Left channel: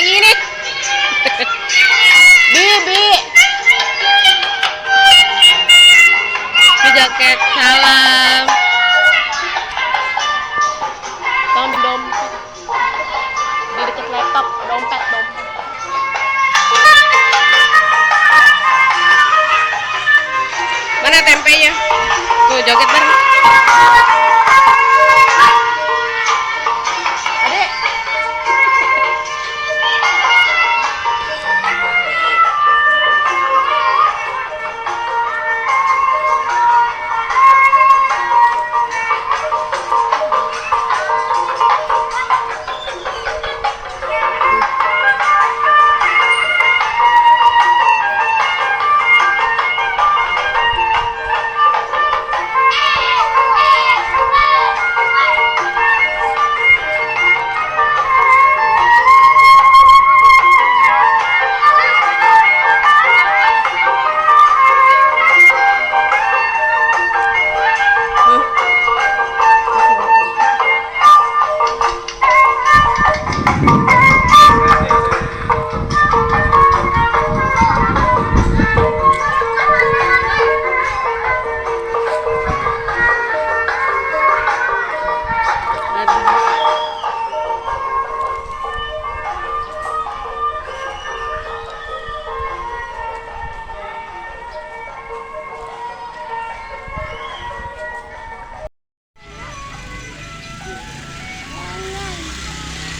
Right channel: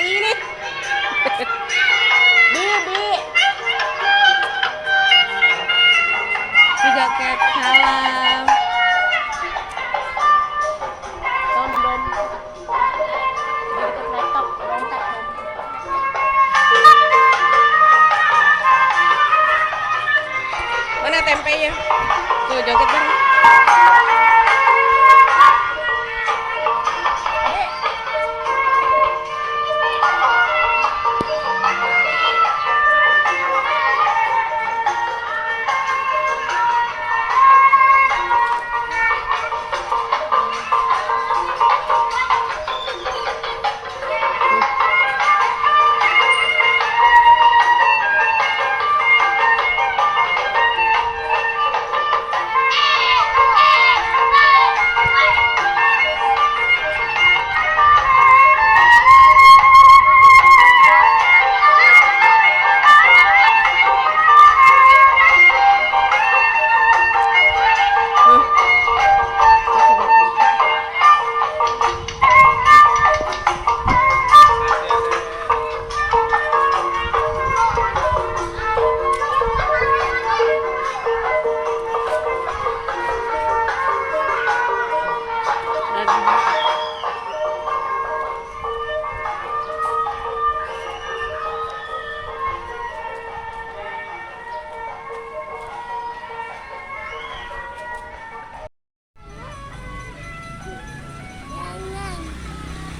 Yang ini. Bibi. Di jaket salam. Tolong dompet. Di deket laptop, dompet. Mana tempenya? Tuh joget bareng. Adek.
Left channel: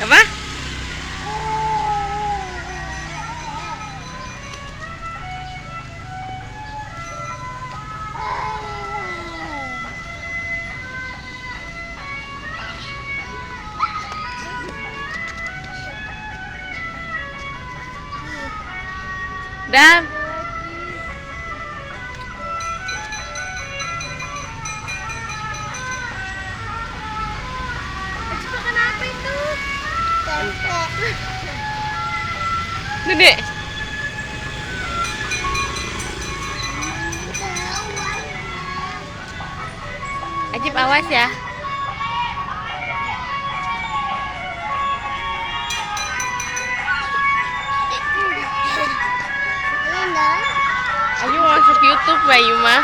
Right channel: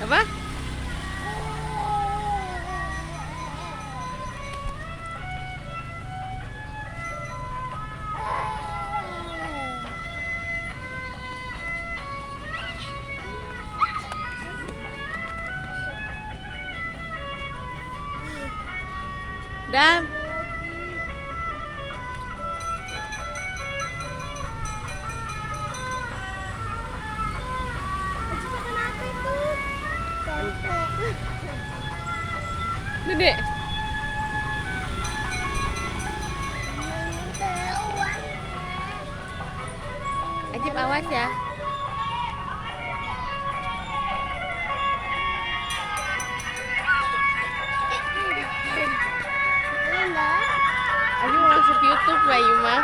Apa? Dam. Makan apa itu? Tempe. Dede. Ajib awas ya. Ayo masuk YouTube Bayu mah.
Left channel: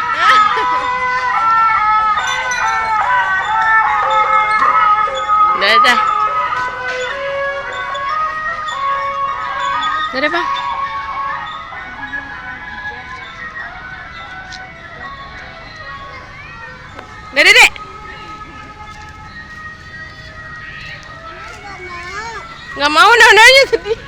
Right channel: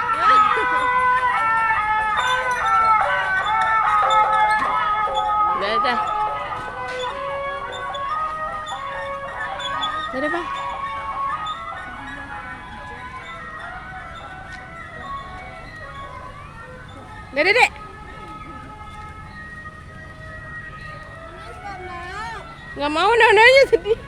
Dadah. Dadah, Bang. Dadah, Dek. Nggak mau, nanya sedih.